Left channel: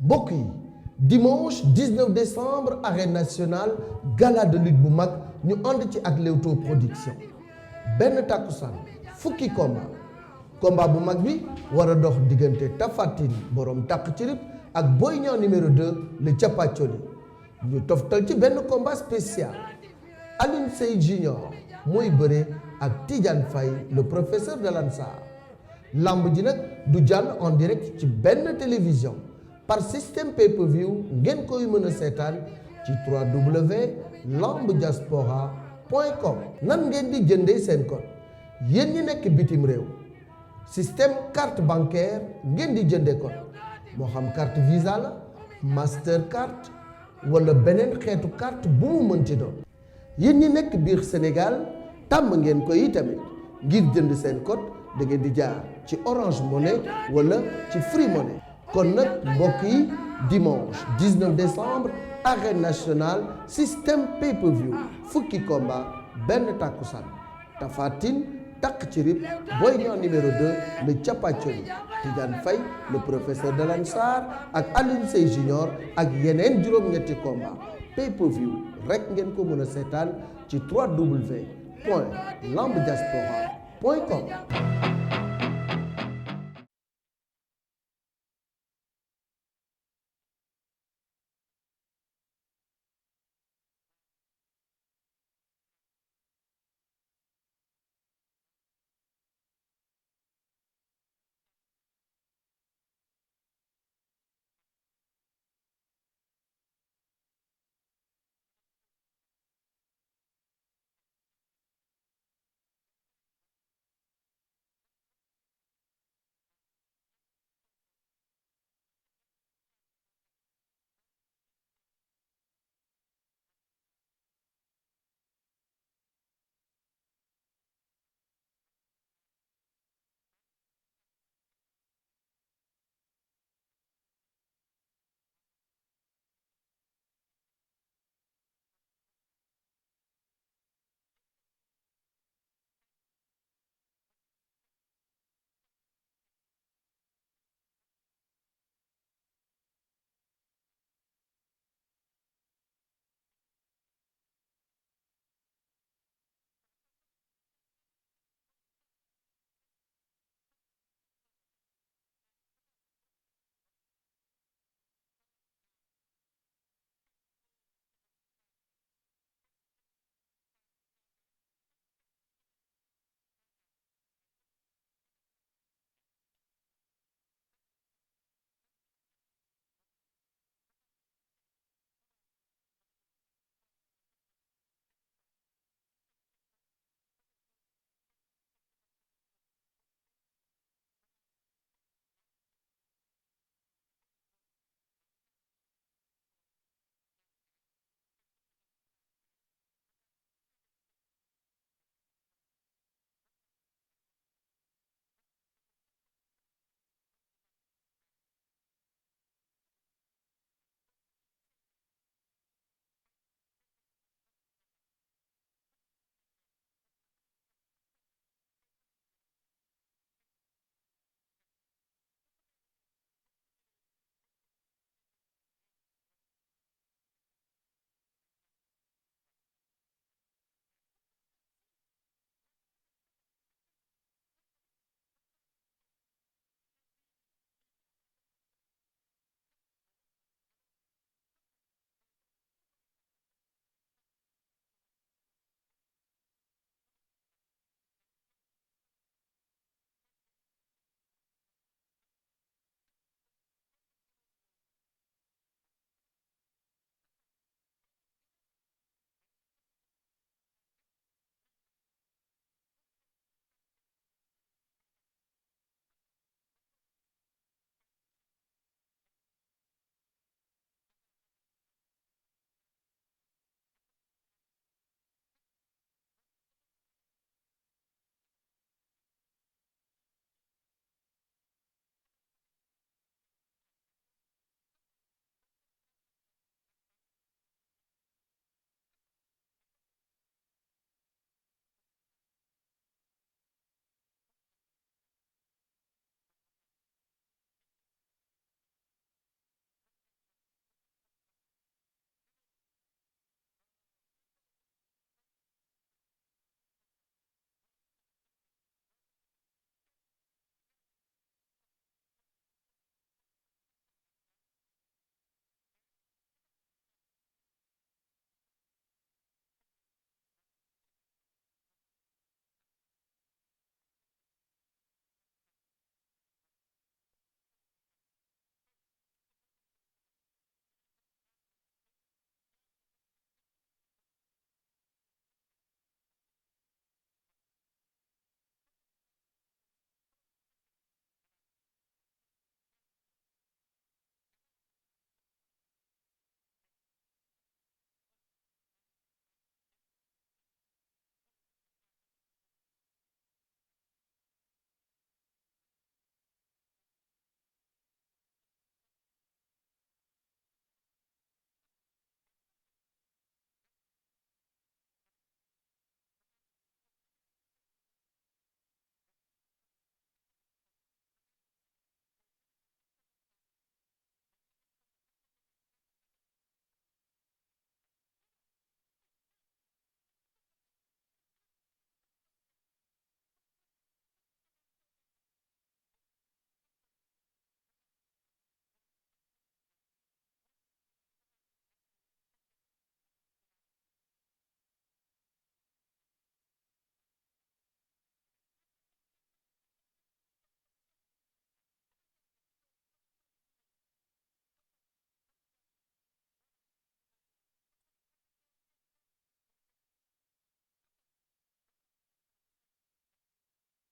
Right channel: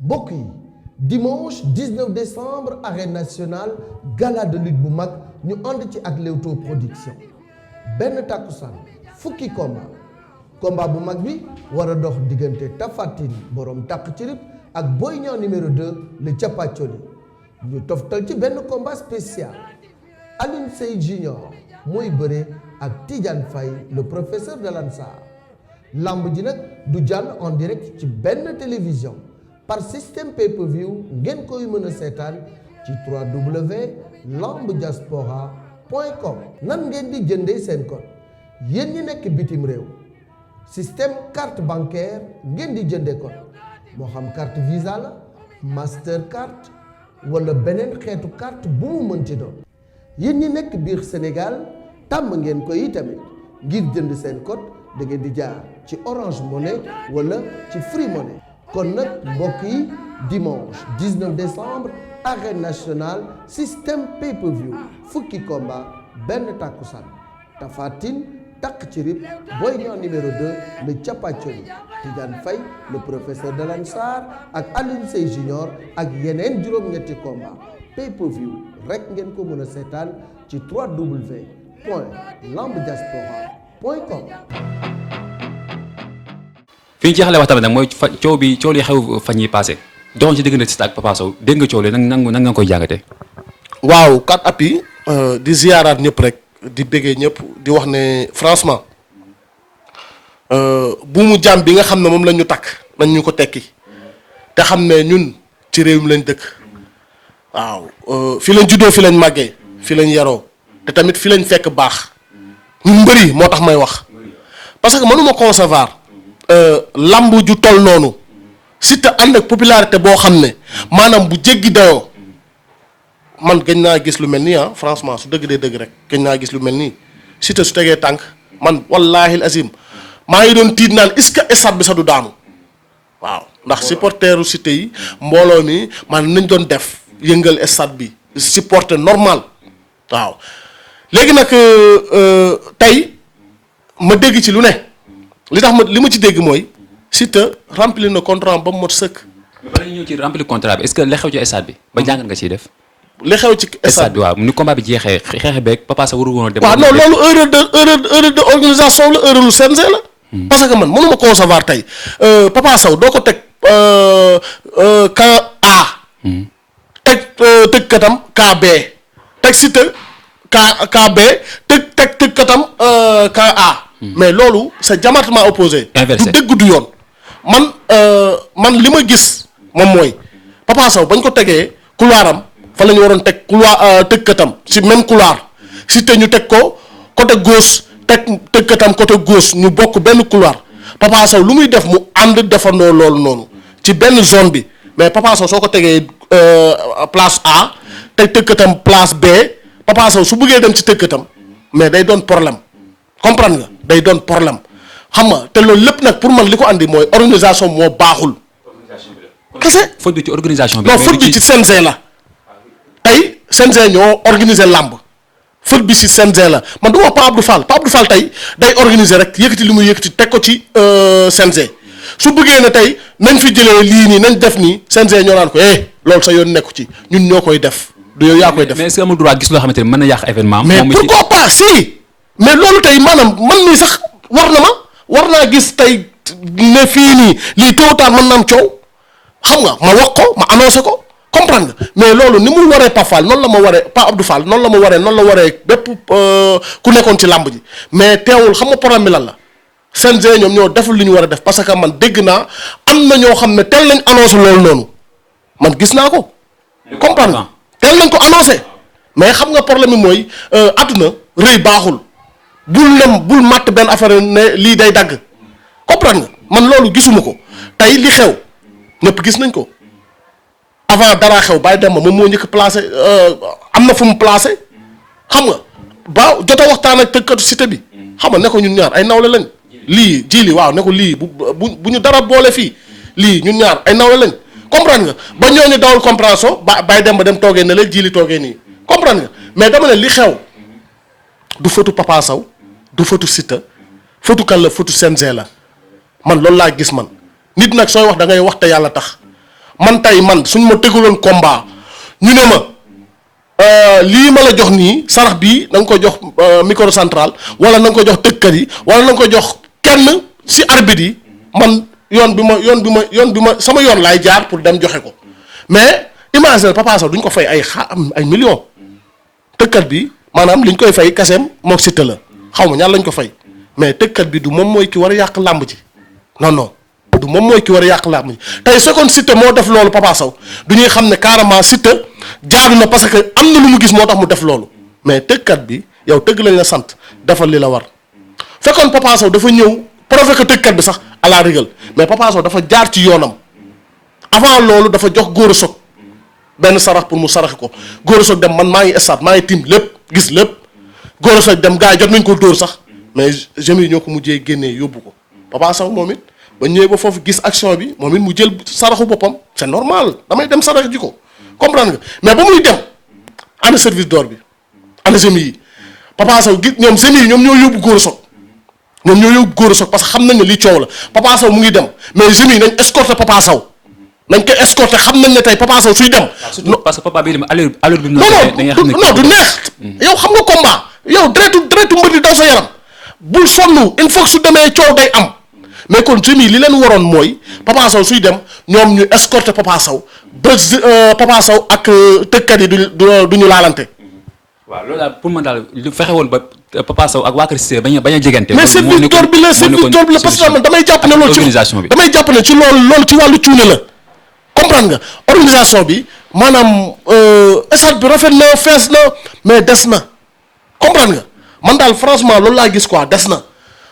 mbokk yi dimanche 19 décembre arène nationale gala de lutte bu mag ñu ànd ci ak Leewtoo production benn takkusaan fukki combat bu mag bi war a dox diggante Tapha Tine borom takk ci rib ak Boy Niang numéro 2 le Thiapathioly ñu toftal ci benn combat spécial Alioune Seye Junior mooy bëre ak Tidiane Faye le professeur de l'Ansar lamb ji nag du jàll en direct ci benn télévision par système pay-per-view ngeen koy mën a seetaan ci www.lambdiaspora.com nan ngeen di jëndee seen code yéen ñi nekk bitim réew système carte bancaire ngeen di jëndee code moo xam carte Visa la Mastercard wala beneen xeetu carte bu mu mën ci doon yéen ñi nekk biir Sénégal tàmm ngeen ko yi tamit ngir jënd seen code da ngeen di jaar ci Orange Money wala ci Free Money kon nag mbokk yi dimanche 19 décembre arène nationale système pay-per-view fukki combat benn takkusaan Tapha Tine takk ci rib Boy Niang numéro 2 le Thiapathioly Tidiane Faye le professeur de l'Ansar ak Alioune Seye Junior ak yeneen juróom-ñetti combat pay-per-view rek ngeen ko mën a seetaan ci www.lambdiaspora.com. fi ñu jeexalee waxtaan bi nag mooy coow li xew fan yi passé doxoon ci diggante Siteu ak Papa Sow dégg nga coow li nan nga koy jàngatee. waaw kat appi di ziyaaraat ñëpp rek di bëggee ñëpp di wax ne franchement bu mu jàmm bi nga xam ne moom la ñu takk nañ ñu ko tekki te xam ne ñun ci réew mi lañ dëkk waaw fi lañ juddoo fi lañ màggee fi lañ yaroo te tamit fi lañ fekk baax ñun mbëri moo tax may wax parce que mënuma concevoir lamb ju toll noonu Siteu ànd ak popularité boo xam ne maanaam bu jéggi dayoo man gëj naa gis lu mel nii franchement su dëgg dee dëgg rek gëj naa gis lu mel nii Siteu su tegee tànk man wallaahi azim maa ngi doon tiit naan est-ce que stade bi sax du daanu waaw ndax supporteru Siteu yi mbooloo mi man nañ doon def yëngal stade bi supporter normal waaw léegi nag tey ma dégg ci lu ne li tax li ma ci dégg mooy Siteu remplir na contrat ba mu mot sëkk. ba ñu ñëw ci remplir contrat bi est-ce que li xew ci stade bi ba jàngat nga ciy def. li xew ci stade bi waaw ni combat bi jeexee xeex beeg Papa Sow waru woon a dem. waaw non loolu erreur de organisation la erreur lu CNG la. parce que man mënuma concevoir tey Papa Sow doo ko teg camp A. teg tëggkatam camp B teg Siteu camp B tëggkatam camp A. mais loolu c'est diamétralement opposé. inversé du dëgg du yoon. man li ma gis moom mooy Papa Sow bañ ko tegee couloiram fa la ñu waroon teg couloir tëggkatam si même couloir Siteu ñu teg ko côté gauche teg tëggkatam côté gauche ñu bokk benn couloir Papa Sow lu muy def mu ànd defandoo loolu noonu ci benn zone bi mais Papa Sow soo ko tegee place A teg tëggkatam place B Papa Sow su bëggee dem ci tëggkatam mais day doon problème comprendre nga day doon problème xam nga te loolu lépp nag pour man li ko andi mooy organisation moo baaxul. kese faute bi ci organisation bi. non faute bi ci CNG la tey CNG ñoo organiser làmb faute bi ci CNG la man du wax Pape Abdou Fall tey day organiser rek yëkkati li muy yëkkati teg ko ci CNG su bëggee ne tey nañ fi jëlee lii nii nañ def nii CNG ñoo naan ko loolu sa yoon nekku ci ñun ñoo koy def du yow yaa koy def. mais est-ce que amul droit gis loo xamante ne mën na yàq événement. mais pourquoi pas si. mais loolu tey maanaam man mii sax war naa gis tey ne fii nii lii tôt ou tard mën na am coow xam nga ma wax ko ma annoncé ko comprendre nga mais loolu ni mu waree Pape Fall noonu la ma waree Pape Abdou Fall noonu la waree bépp ku nekkoon ci làmb ji mais teewul xam nga problème bi lan la CNG ñoom ñoo deful li ñu war a def parce que man dégg naa am na ñoo xam ne teel lañ annoncé loolu noonu man gis naa ko comprendre nga teel nañ ko annoncé mais xam nga problème bi mooy àdduna rëy baaxul. bul matt benn affaire ne lii day dagg comprendre nga man loolu gisuma ko tey li xew ñëpp gis nañ ko avant dara xew Baye Demba moom moo njëkk placé am na fu mu placé xam nga ba jot a waxtaan ak tëggkatu Siteu bi xam nga ne ko ñun ñaar ay nawle lañ lii jili waaw ne ko lii bu ñu dara boole fii lii ñun ñaar ay nawle lañ comprendre nga ba ñooñu dawul compréhension Baye Demba dem toogee ne la jili toogee nii comprendre nga mais dama ne li xew du fëtu Papa Sow du fëtu Siteu fëtu kan la fëtu CNG la man loolu laa gis man nit nag sooy wax da ngay wax te yàlla tax man tey man suñ ma teguloon combat ñu ne ma lii ma la jox nii sarax bii na nga ko jox micro central wala na nga ko jox tëggkat yi wala na nga ko jox kenn si arbitre yi man yoon bi ma sama yoon laay jaar pour dem joxe ko mais imagine Papa Sow duñ ko fay ay millions tëggkat bi maanaam liñ koy fay kaseem mook Siteu la xaw ma ñaar lañ ko fay mais tëggkat bi du moom mooy ki war a yàq làmb ji non du moom mooy ki war a yàq làmb ji tey seconde Siteu moo def loolu Papa Sow du ñuy xam ne carrément Siteu jaadu na parce que am na lu mu gis moo tax mu def loolu mais tëggkat bi yow tëgg lañ la sant defal li la war fekkoon Papa Sow dafa ñëw provoqué tëggkat bi sax à la rigueur mais Papa Sow dafa jaar ci yoonam avant loolu dafa jox Gora Sock benn sarax pour mu saraxi ko Gora Sock dem man maa ngi stade maa ngi tiim lépp gis lépp Gora Sock dem gars yi jot nañ ko dóor sax mais jeunes yi ñoo ko mujjee génnee yóbbu ko Papa Sow moom it ba ñëwee ba foofu gis action bi moom it mu jël saraxu boppam c'est normal damay dem sarax ji ko comprendre nga mais ba muy dem ana service d'ordre bi ana jeunes yi Papa Sow gis ñoom jeunes yi ñoom ñoo yóbbu Gora Sock ñoom ñoo yóbbu Gora Sock parce que xam nañ ne lii coow la Papa Sow mu ngi dem mais jeunes yi nañ escorter Papa Sow nañ ko escorter xam nañ ne tey Papa Sow suy dem. parce que papa bi dem allure bi. non du neex. yow xam nga combat yow deretu mbër di daw sa yaram bul sonn il faut que su demee coow day am mais kon jeunes yi li leen waroon mooy Papa Sow suy dem ñoom ñu escorter Papa Sow ba Papa Sow ak tëkkat yi du ñu laalante. waaw loolu daal pour man daal lu fexe woon ba Papa Sow ak waa Kër Cissé bañ a jegante. mais service d'ordre bi la parce que damay jàpp ne loolu ci loolu ci wàllu cuune la comprendre nga organisation bi maanaam stade bi rafet na fees na mais des na comprendre nga man daal franchement loolu laa gis quoi des na.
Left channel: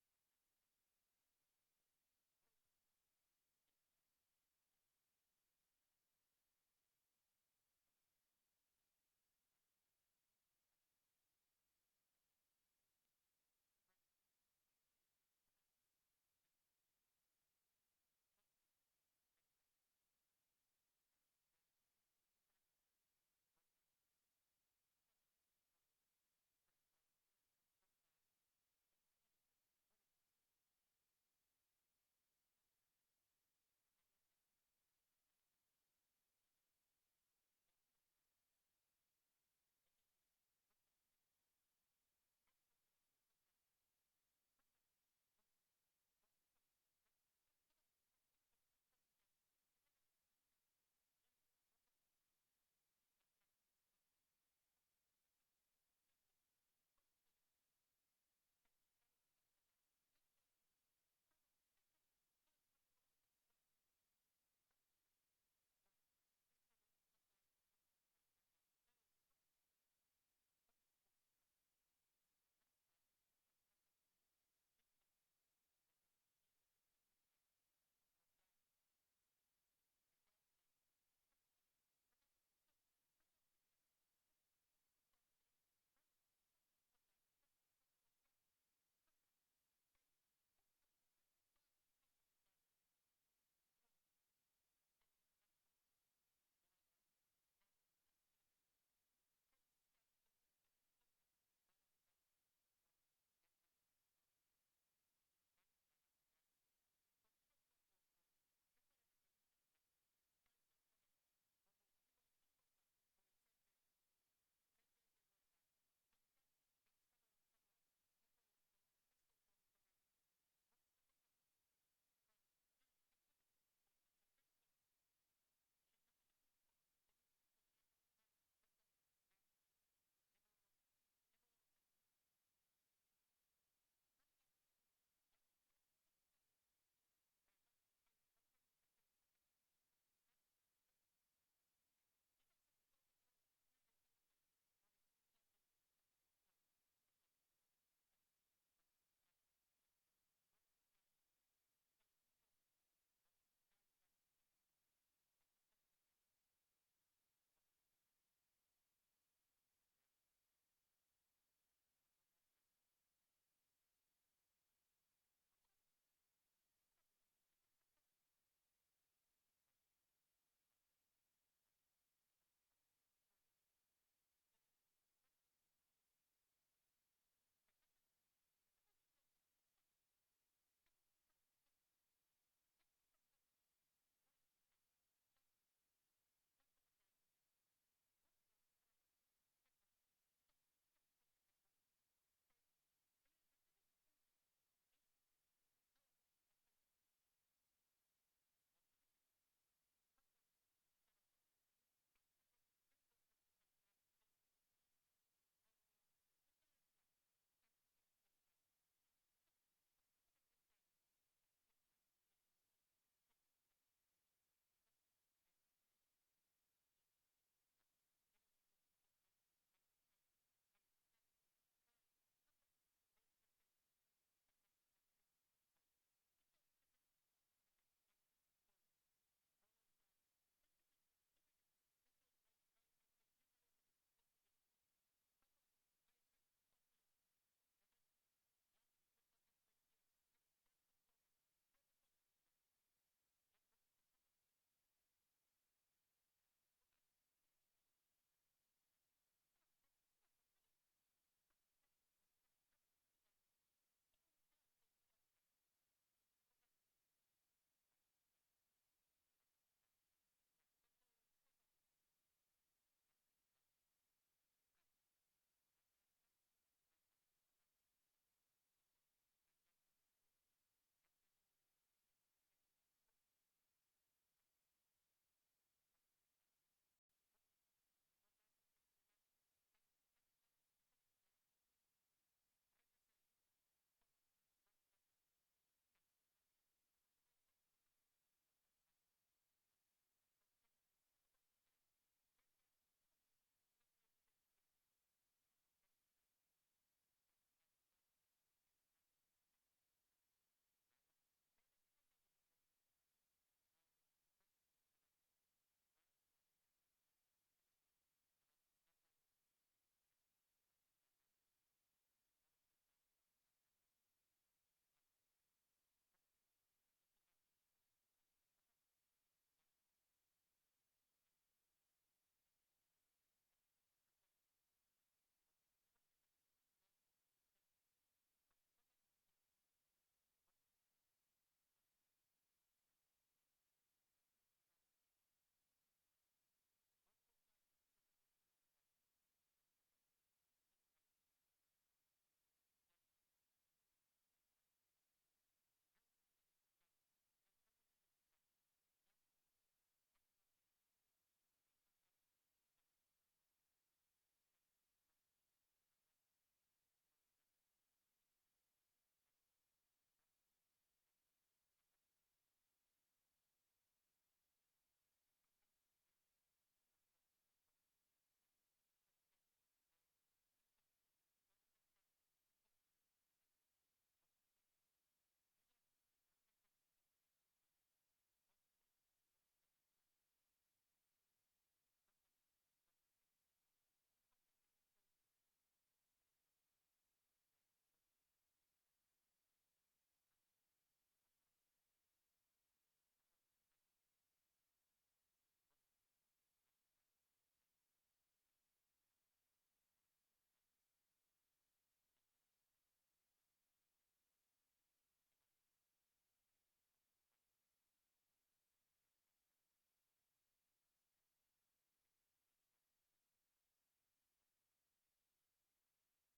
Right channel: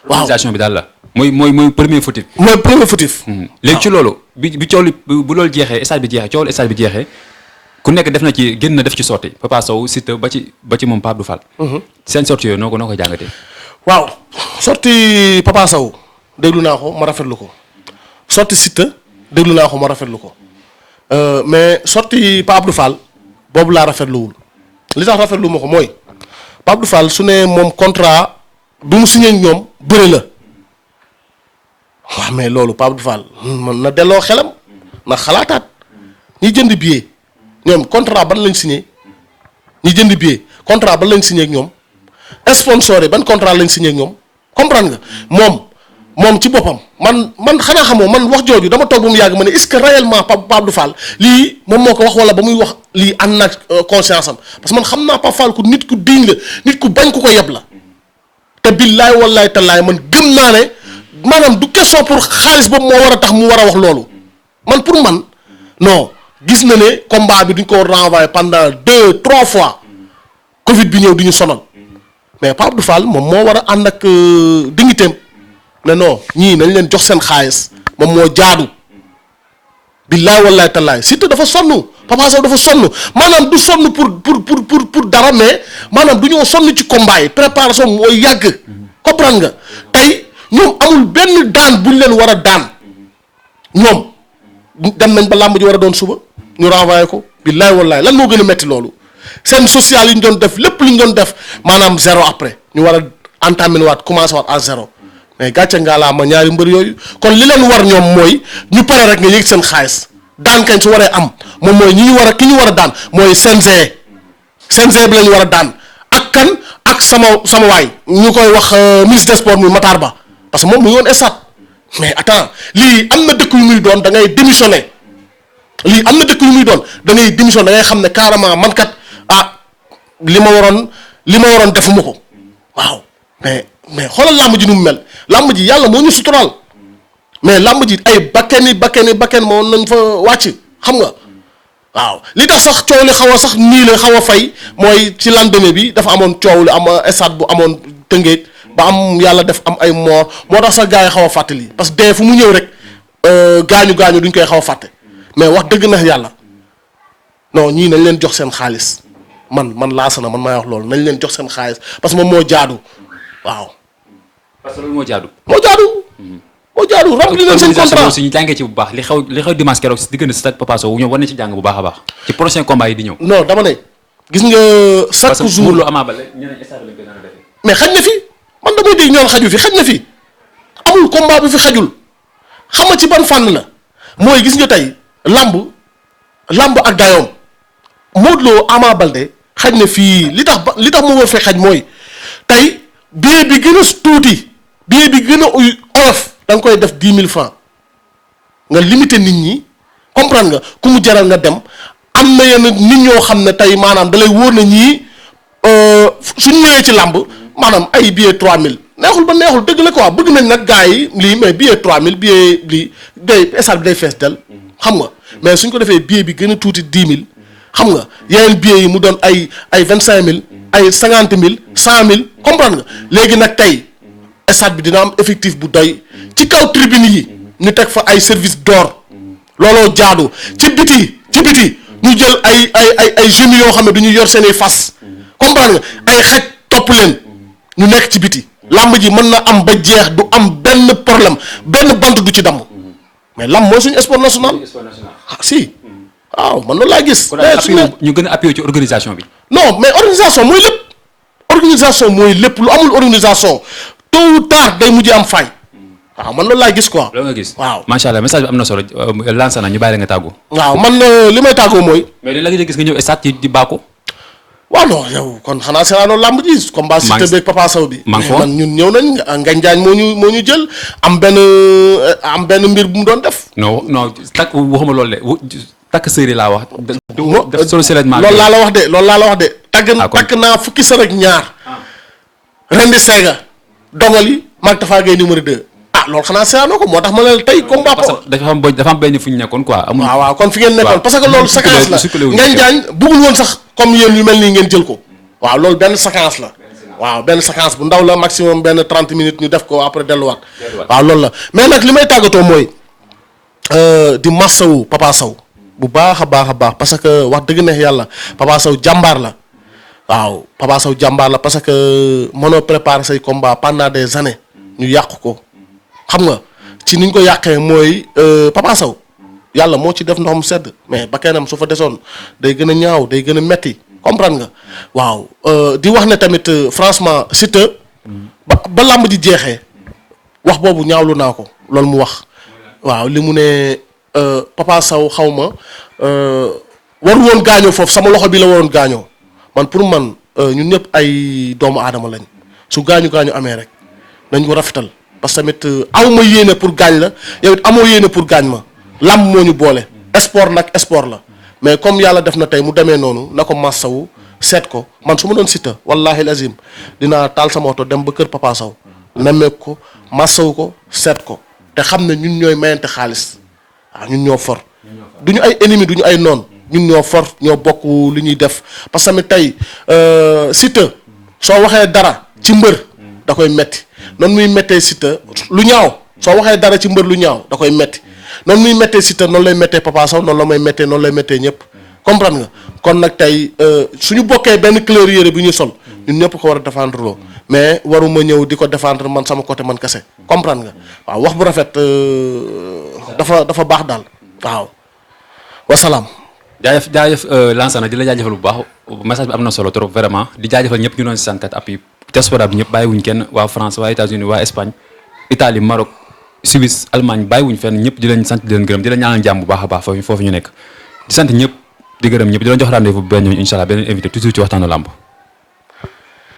waaw organisation bi daal la. mooy premier fautif. mooy premier fautif. léegi ci loolu bi coow li bu loolu jeexee stade bi jeexee coow li stade bi jeexee. ku nekk def na ci génn na def ci sorti Papa Sow Siteu ba ci moom Pape Abdou Fall. seen sorti yooyu noo ko jàngatee. waaw sorti Papa Sow déglu naa ko ma rafetlu ko sorti Siteu déglu naa ko ma rafetlu ko mais sorti Pape Abdou Fall boobu laa rafetluwul li tax rafetlu ma ko mooy Pape Abdou Fall su ne moom contrat bi mu signé ñoom bëre la waaw mais loolu Pape Abdou Fall mën na delloo xelam na xalaataat ñi jënd billet. ñoom contrat ban lañ signé ñi jënd billet contrat ban lañ signé ak ñoom sponsor yi ban contrat lañ signé ak ñoom comprendre nga moom ci boppam man xanaa xamoo man wax jooju dama toog ba mu yàgg ma ne est-ce que réellement Pape Abdou Fall lii moom moo ko wax wala ba muy wax lii ànd na conscience am parce que man xam naa Pape Fall ku nit ku diñ la nit ku bañ ku ko yeb la te billaay wallaay tallaay man gëm naa ne maanaam du question pour xaalis boobu moo war a tax mu war a wax loolu man pour man non. gis na ne combat bi duñ ko renvoyer pendant 2-3 fois Covid bi ñëw di ñu sonal mais Pape Abdou Fall moom moo war a ànd ak dignitéem ne non ñii nañ leen jox seen xaalis moom moo jaadu billaay wallaay tallaay Siteu dafa sonn Papa Sow dafa sonn maanaam du sonn pour dara mais maanaam du ñoo sonn ci combat yi préparation mooy yàgg comprendre nga tey ñoom amul benn daan buñ leen war a daan ñoom dem nañ ba làmb ji war a doon suba ñu renvoyé ko billaay wallaay lan moo gën a metti loolu seen social yi ñu doon def lépp lu ñu doon def maanaam zéro après ñu war a entamer waat commencé waat à zéro mais gàcce ngaa laa ma ñaari mbër yooyu kon li leen war ñoom mooy ñu pare rek nga yëg seen xaalis daan kañ su waree am moom mooy ki ñu war a daan mooy CNG bi la ñu war a daan ak kan ak sama waay ñu koy wax ministre des sports muy Matar Ba parce que moom mu ngi woon stade mais attends lii am na dëkk yu muy doon da ngay démissionner lii am na dëkk yu muy doon da ngay démissionner da ngay xam ne carrément man kat li ma waroon defuma ko waaw mais xoolal làmb ji nu mu mel làmb ji yàlla moo ñu suturaal mais làmb ji ay bakken moo nañ fa wàcc xam nga waaw li tax sax coow li xaw a sax nii la xaw a fay mooy ci lendemain bi dafa amoon coow li am stade bu amoon Tëngéej ba am yàlla def am ay mort moo tax sax gars yi xaw a fàttali parce que dee fu mu ñëw rek gaañu duñ koy xaw a fàtte mais wax dëgg na yàlla non ñii nañ leen jox seen xaalis man laasana man maay wax loolu nañ leen jox seen xaalis parce que moom moo jaadu waaw. parce que loolu moo jaadu. moo jaadu rempli leen seen contrat aussi ñu jàngee ci bu baax li xew dimanche keroog si diggante Siteu ak Papa Sow ñoom war nañ ci jàng bu baax a baax ci prochain combat yi di ñëw. non dama ne gis nga chaque jour Modou Lo Ama Baldé ñeneen stade lañ koy naan defee. mais xaj na fi man damay dégg ñoon xaju fi xaj na fi amul combat bi fi xajul xam nga ci ban fànn la mooy gis nga tey lamb làmb ak dayoom Modou Lo Ama Baldé xaj na fii li tax mu war fee xaj mooy tey billet bi gën a tuuti billet bi gën a oyof da nga koy def 10 000 francs nga limité nit ñi comprendre nga ku mu jaral nga dem am na yenn nit ñoo xam ne tey maanaam da lay wóor na ñii suñ ñëwee ci làmb maanaam ay billet 3000 neexul ba neexul dëgg la quoi bëgg nañ nag gars yi lii mais billet 3000 billet lii day stade bi day fees del xam nga mais suñ ko defee billet bi gën a tuuti 10 000 xam nga yeneen billets yi mu doon ay 25000 ay 50000 100000 comprendre nga léegi nag tey stade bi dina am effectif bu doy ci kaw tribune yi ñu teg fa ay service d'or looloo jaadu ci biti ñu jël ay jeunes yoo xam ne du ñu yor seeni fas comprendre nga ay xaj topp leen ñu nekk ci biti lamb ji mën na am ba jeex du am benn problème benn bant du ci damm mais lamb mooy suñu sport national si waaw man loolu laa gis. ñu gën a appuyé ci organisation bi. non mais organisation mooy lépp lu amul organisation tôt ou tard day mujj am faay. waaw man loolu laa gis quoi. loolu nga gis waaw macha allah message bi am na solo lancé na ñu bàyyi la nga tàggu. waaw man li may tàggoo mooy. mais li la nga gis nga ñëw stade di bàkku. waaw non yow kon xanaa seeraanoo làmb ji. combat Siteu beeg Papa Sow bi. man ñun ñëw nañ Ngagne Diagne moo ñu jël am benn mbir bu mu doon def. non takk waxuma loolu de takk sëri laa wax. def solo seulement. loolu laa la wax de. takk naa fukki sër ak ñaar. rendi seega dongali maag Tafa Gueye numéro 2. loolu xanaa seeraanoo ko moo tax ma ne la tey combat. parce que dafa am benn fu ñu nekkoon quoi. amul waaw kon fi ngeen nekkoon parce que loolu séquence la Ngagne Diagne bëggul woon sax comme yéen yu mel nii ngeen jël ko. waaw loolu benn séquence la. waaw benn séquence bu ndaw la maximum benn 30 minutes ñu def ko après delluwaat. waaw loolu la mais nag li may tàggatoo mooy di massawu Papa Sow bu baax a baax parce que wax dëgg neex yàlla Papa Sow jàmbaar la. waaw Papa Sow jàmbaar la parce que mënoo préparer say combat pendant des années ñu yàq ko. xam nga ci niñ ko yàqee mooy Papa Sow yàlla moo ci def ndoxam sedd mais ba kenam su fa desoon day gën a ñaaw day gën a metti comprendre nga waaw di wax ne tamit franchement Siteu ba làmb ji jeexee wax boobu ñaawlu naa ko loolu mu wax waaw li mu ne Papa Sow xaw ma waru woon gaañoo foofu sama loxo bi la waroon gaañoo man pour man ñun ñëpp ay doomu aadama lañ su gaañu amee rek nañ ko rafetal parce que tamit aw ma yéene pour gaañ la yow it amoo yéene pour gaañ ma làmb moo ñu boole sport nag sport la mais comme yàlla def na tey mu demee noonu na ko massawu seet ko man su ma doon Siteu wallahi lazim dinaa taal sama oto dem ba kër Papa Sow nemmeeku ko massawu ko seet ko te xam ne ñun ñooy mayante xaalis waaw ñun ñoo for duñu ay ennemi duñu ay noon ñun ñoo for ñoo bokk li ñuy def parce que tamit tey Siteu soo waxee dara ci mbër da koy metti noonu muy méttee Siteu lu ñaaw soo waxee dara ci mbër lu ñaaw da koy metti noonu muy méttee Siteu noonu lay méttee Papa Sow noonu la may méttee noonu lay méttee ñëpp comprendre nga kon nag tey suñu bokkee benn couleur yére bi ñu sol ñun ñëpp ko war a défendre loo mais waruma ñëw di ko défendre man sama côté man kese comprendre nga waaw wax bu rafet dafa baax daal waaw wasalaam. jaajëf Lansana di la jaajëfal bu baax message bi am na solo trop vraiment di jaajëfal ñëpp ñu doon si santat appui diaspora bi ñëpp bàyyiwuñ kenn waa France waa États-Unis waa Espagne Italie Maroc Suisse Allemagne bàyyiwuñ fenn ñëpp di leen sant di leen gërëm di leen ñaanal jàmm bu baax a baax foofu ñu nekk di sant ñëpp di gërëm ñëpp di leen jox rendez-vous bu benn incha allah beneen invité toujours ci waxtaanu làmb